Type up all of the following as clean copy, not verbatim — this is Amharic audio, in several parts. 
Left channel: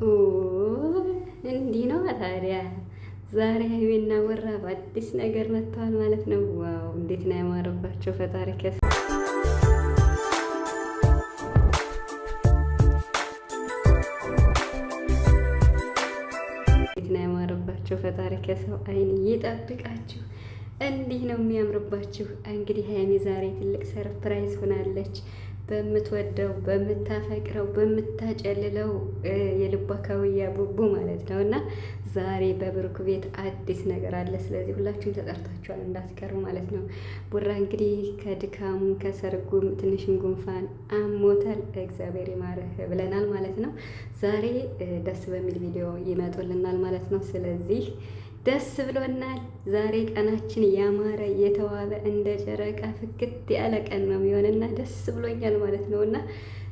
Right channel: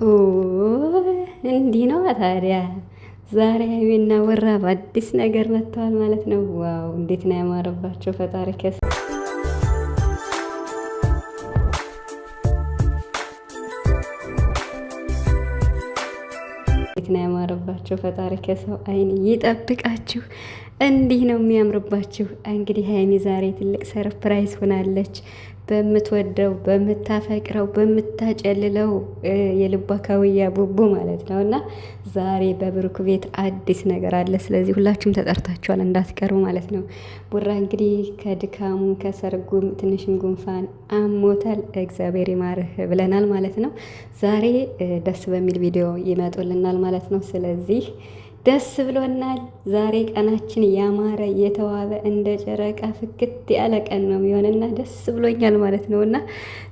ኦ እንዲህ ነው ታዲያ። ዛሬ ሀይሚና ቡራ በአዲስ ነገር መጥተዋል ማለት ነው። ዋው እንዴት ነው ያማረባቸው! ፈጣሪ ፈጣሪ ከሰው አይን ይጠብቃችሁ። እንዲህ ነው የሚያምርባችሁ። እንግዲህ ሀይሚ ዛሬ ትልቅ ሰርፕራይዝ ሆናለች። በምትወደው በምታፈቅረው በምታጨልለው የልቧ ካውያ ቡቡ ማለት ነው። እና ዛሬ በብሩክ ቤት አዲስ ነገር አለ። ስለዚህ ሁላችሁም ተጠርታችኋል እንዳትቀሩ ማለት ነው። ቡራ እንግዲህ ከድካሙ ከሰርጉም ትንሽን ጉንፋን አሞታል። እግዚአብሔር ይማርህ ብለናል ማለት ነው። ዛሬ ደስ በሚል ቪዲዮ ይመጡልናል ማለት ነው። ስለዚህ ደስ ብሎናል። ዛሬ ቀናችን ያማረ የተዋበ እንደ ጨረቃ ፍክት ያለ ቀን ነው የሚሆንና ደስ ብሎኛል ማለት ነው። እና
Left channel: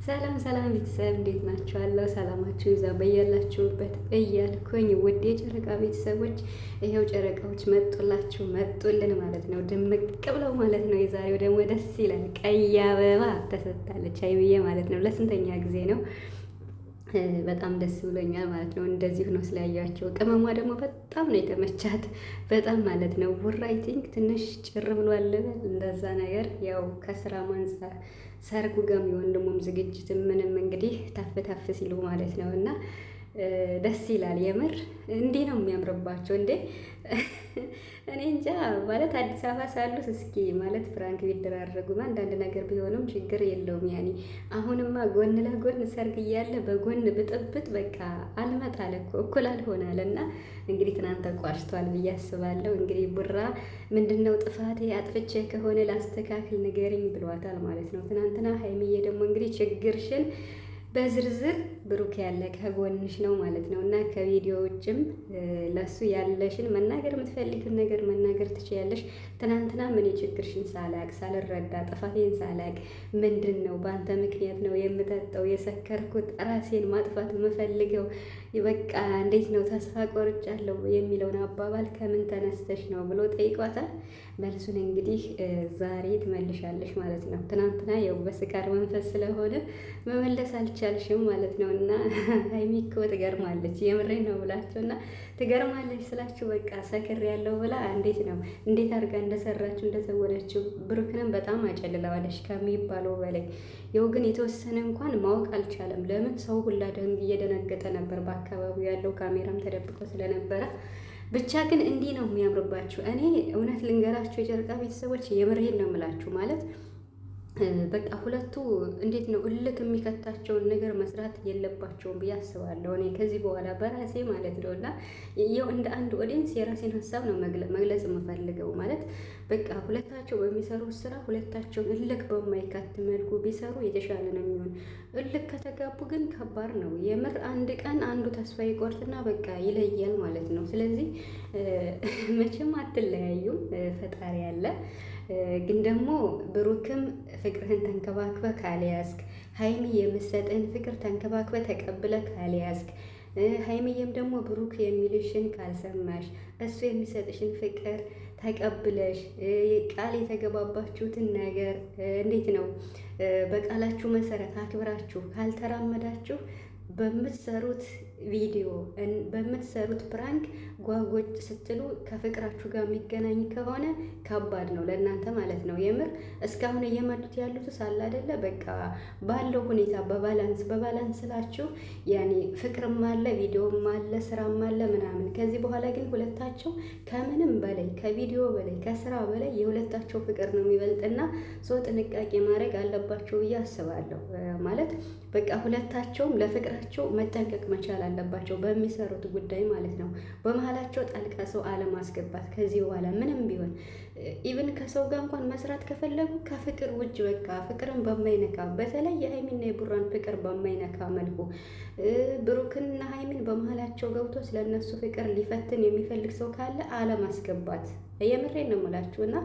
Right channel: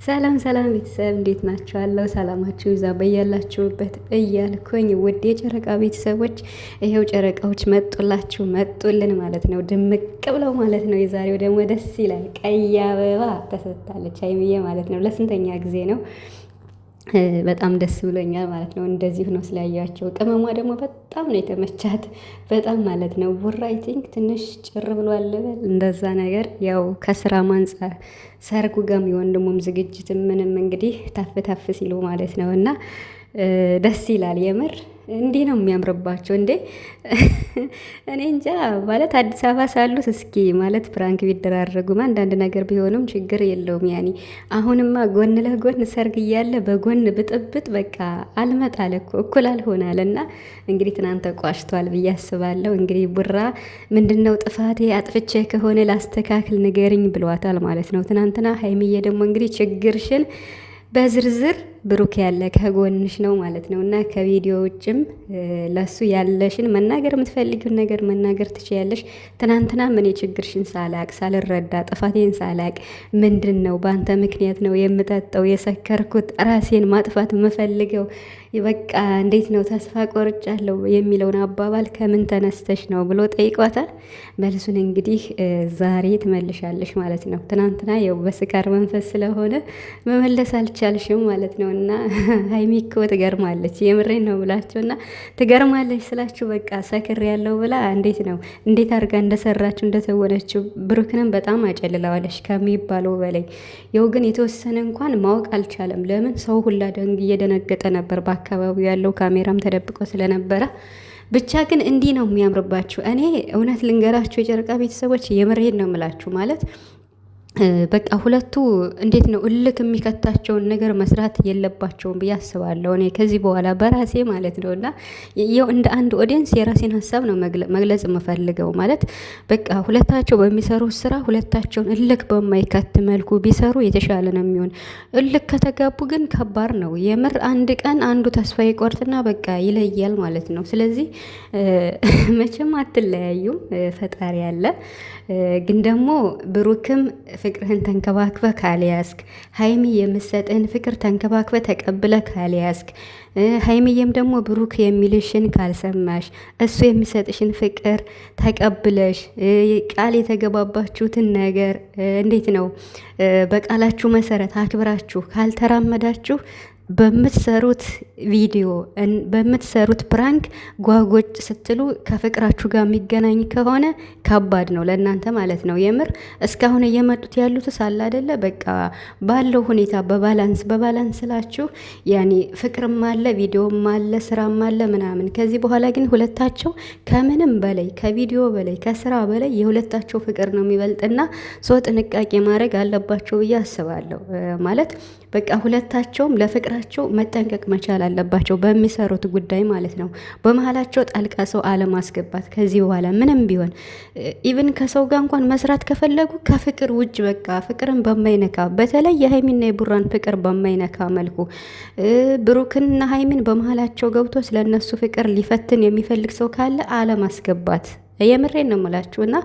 ሰላም ሰላም ቤተሰብ እንዴት ናችኋለሁ? ሰላማችሁ ይዛ በያላችሁበት እያልኩኝ ውድ የጨረቃ ቤተሰቦች ይሄው ጨረቃዎች መጡላችሁ መጡልን ማለት ነው። ድምቅ ብለው ማለት ነው። የዛሬው ደግሞ ደስ ይላል። ቀይ አበባ ተሰጥታለች ሀይሚዬ ማለት ነው። ለስንተኛ ጊዜ ነው? በጣም ደስ ብሎኛል ማለት ነው። እንደዚህ ነው ስላያቸው። ቅመሟ ደግሞ በጣም ነው የተመቻት በጣም ማለት ነው። ቡራ አይ ቲንክ ትንሽ ጭር ብሏል በል እንደዛ ነገር ያው ከስራ አንፃር ሰርጉ ጋም የወንድሙም ዝግጅት ምንም እንግዲህ ታፍ ታፍ ሲሉ ማለት ነው እና ደስ ይላል የምር። እንዲህ ነው የሚያምርባቸው እንዴ! እኔ እንጃ ማለት አዲስ አበባ ሳሉት እስኪ ማለት ፕራንክ ቢደራረጉም አንዳንድ ነገር ቢሆንም ችግር የለውም። ያኔ አሁንማ ጎን ለጎን ሰርግ እያለ በጎን ብጥብጥ በቃ አልመጣለ እኮ እኩል አልሆናል። እና እንግዲህ ትናንት ቋሽቷል ብዬ አስባለሁ። እንግዲህ ቡራ ምንድነው ጥፋቴ አጥፍቼ ከሆነ ላስተካክል ንገርኝ ብሏታል ማለት ነው ትናንትና። ሀይሚዬ ደግሞ እንግዲህ ችግርሽን በዝርዝር ብሩክ ያለ ከጎንሽ ነው ማለት ነው። እና ከቪዲዮ ውጭም ለሱ ያለሽን መናገር የምትፈልጊውን ነገር መናገር ትችያለሽ። ትናንትና ምን የችግርሽን ሳላቅ ሳልረዳ ጥፋቴን ሳላቅ ምንድን ነው በአንተ ምክንያት ነው የምጠጣው የሰከርኩት ራሴን ማጥፋት የምፈልገው በቃ እንዴት ነው ተስፋ ቆርጫለሁ የሚለውን አባባል ከምን ተነስተሽ ነው ብሎ ጠይቋታል። መልሱን እንግዲህ ዛሬ ትመልሻለሽ ማለት ነው። ትናንትና ያው በስካር መንፈስ ስለሆነ መመለስ አልቻልሽም ማለት ነው። እና ሀይሚ እኮ ትገርማለች። የምሬን ነው ብላችሁ እና ትገርማለች ስላችሁ በቃ ሰክር ያለው ብላ እንዴት አድርጋ እንደሰራችሁ እንደተወነችው ብሩክንም በጣም አጨልለዋለች ከሚባለው በላይ። ያው ግን የተወሰነ እንኳን ማወቅ አልቻለም። ለምን ሰው ሁላ እየደነገጠ ነበር። በአካባቢው ያለው ካሜራም ተደብቆ ስለነበረ ብቻ ግን እንዲህ ነው የሚያምርባችሁ። እኔ እውነት ልንገራችሁ የጨረቃ ቤተሰቦች የምሬን ነው የምላችሁ ማለት በቃ ሁለቱ እንዴት ነው እልክ የሚከታቸውን ነገር መስራት የለባቸውም ብዬ አስባለሁ። እኔ ከዚህ በኋላ በራሴ ማለት ነው። እና ያው እንደ አንድ ኦዲየንስ የራሴን ሀሳብ ነው መግለጽ የምፈልገው ማለት በቃ ሁለታቸው በሚሰሩት ስራ ሁለታቸውን እልክ በማይከት መልኩ ቢሰሩ የተሻለ ነው የሚሆን። እልክ ከተጋቡ ግን ከባድ ነው የምር። አንድ ቀን አንዱ ተስፋ ይቆርጥና በቃ ይለያል ማለት ነው። ስለዚህ መቼም አትለያዩም፣ ፈጣሪ ያለ ግን ደግሞ ብሩክም ፍቅርህን ተንከባክበ ካልያዝክ፣ ሀይሚ የምሰጥህን ፍቅር ተንከባክበ ተቀብለ ካልያዝክ፣ ሀይሚዬም ደግሞ ብሩክ የሚልሽን ካልሰማሽ፣ እሱ የሚሰጥሽን ፍቅር ተቀብለሽ ቃል የተገባባችሁትን ነገር እንዴት ነው በቃላችሁ መሰረት አክብራችሁ ካልተራመዳችሁ በምትሰሩት ቪዲዮ በምትሰሩት ፕራንክ ጓጎጭ ስትሉ ከፍቅራችሁ ጋር የሚገናኝ ከሆነ ከባድ ነው ለእናንተ ማለት ነው። የምር እስካሁን እየመጡት ያሉት ሳለ አይደለ በቃ ባለው ሁኔታ በባላንስ ስላችሁ ያኔ ፍቅርም አለ ቪዲዮም አለ ስራም አለ ምናምን። ከዚህ በኋላ ግን ሁለታቸው ከምንም በላይ ከቪዲዮ በላይ ከስራ በላይ የሁለታቸው ፍቅር ነው የሚበልጥና ሰው ጥንቃቄ ማድረግ አለባቸው ብዬ አስባለሁ። ማለት በቃ ሁለታቸውም ለፍቅራቸው መጠንቀቅ መቻል አለባቸው በሚሰሩት ጉዳይ ማለት ነው። በመሀላቸው ጣልቃ ሰው አለማስገባት ከዚህ በኋላ ምንም ቢሆን ኢቭን ከሰው ጋር እንኳን መስራት ከፈለጉ ከፍቅር ውጭ በቃ ፍቅርን በማይነካ በተለይ የሀይሚና የቡራን ፍቅር በማይነካ መልኩ ብሩክንና ሀይሚን በመሀላቸው ገብቶ ስለነሱ ፍቅር ሊፈትን የሚፈልግ ሰው ካለ አለማስገባት የምሬን ነው የምላችሁ። እና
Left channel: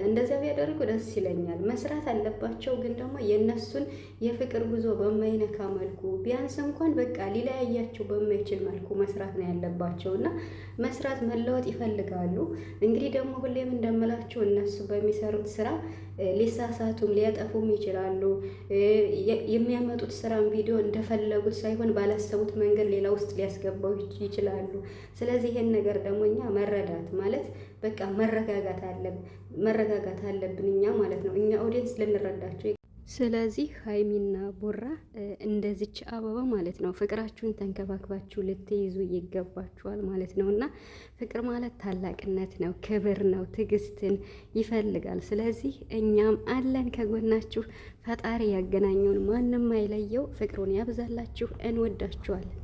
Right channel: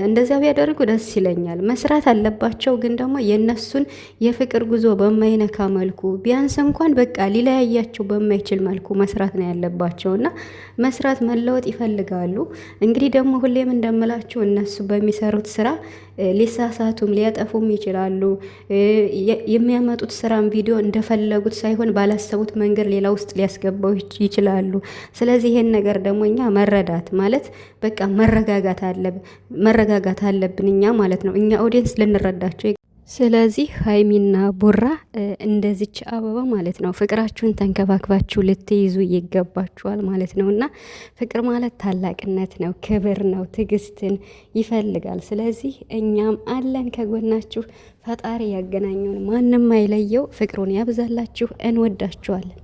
እንደዚያ ቢያደርጉ ደስ ይለኛል። መስራት አለባቸው ግን ደግሞ የነሱን የፍቅር ጉዞ በማይነካ መልኩ ቢያንስ እንኳን በቃ ሊለያያቸው በማይችል መልኩ መስራት ነው ያለባቸው። እና መስራት መለወጥ ይፈልጋሉ። እንግዲህ ደግሞ ሁሌም እንደምላችሁ እነሱ በሚሰሩት ስራ ሊሳሳቱም ሊያጠፉም ይችላሉ። የሚያመጡት ስራም ቪዲዮ እንደፈለጉት ሳይሆን ባላሰቡት መንገድ ሌላ ውስጥ ሊያስገባው ይችላሉ። ስለዚህ ይሄን ነገር ደግሞ እኛ መረዳት ማለት በቃ መረጋጋት አለብን እኛ ማለት ነው። እኛ ኦዲየንስ ልንረዳቸው። ስለዚህ ሀይሚና ቡራ እንደዚች አበባ ማለት ነው ፍቅራችሁን ተንከባክባችሁ ልትይዙ ይገባችኋል ማለት ነው። እና ፍቅር ማለት ታላቅነት ነው፣ ክብር ነው፣ ትዕግስትን ይፈልጋል። ስለዚህ እኛም አለን ከጎናችሁ። ፈጣሪ ያገናኘውን ማንም አይለየው። ፍቅሩን ያብዛላችሁ። እንወዳችኋለን።